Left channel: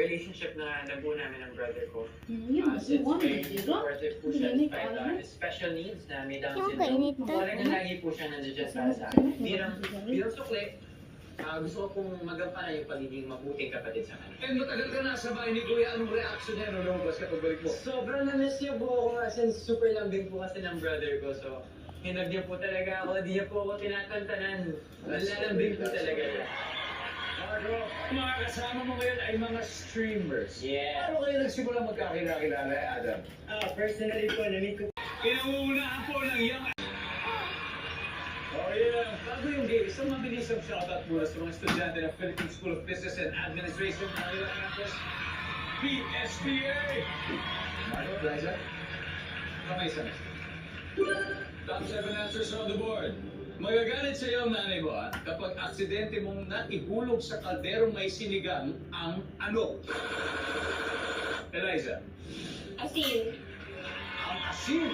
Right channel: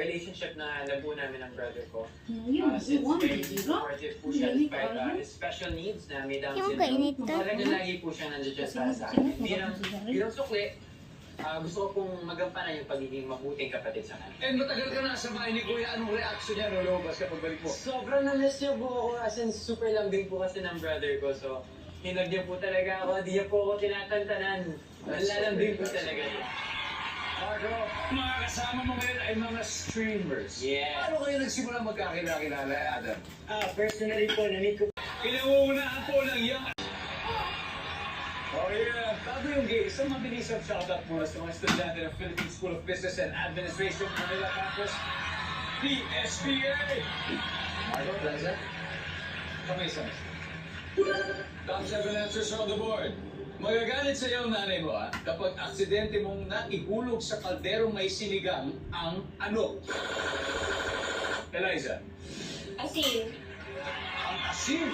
relationship na nabuo namin ng brother ko. You Since want very it, diba? supportive po siya despite special needs na may Down Yung syndrome. kainit na. Talaga lagi po siya nandiyan para sa akin. Bilang sukli, gusto ko pong magampanan yung pagiging mabuting kapatid sa kanya. Eh, matagal ka na sa bahay ni Kuya. Anong reaction niya nung lumabas ka pagbalik mo? Sobrang na-miss niya po ako as in super lambing po kasi ng brother ko. So, hinag niya po talaga ako. Di niya po ako tinatantanan. Malalambing po talaga siya. Marco, mga kasama mo ngayon ay mga streamers. Yeah. Paano kayo nagsimula magkakilala, Adam? Personally po, namit ko. Inuunahan po ng young... Oh yeah, bago yung game, isang mabilis ang shoutout muna sa mga estudyante ng Philippine School of Business and Administration, Manila Campus, PSBA! Marco, Liza, kamay sa mesa. Top 7 answers on the board. Magagalit sa iyo ang nanay mo kapag aksidente mong naihulog sa kalderong may sinigang ang ano? Eliza. Asin. Ang asin!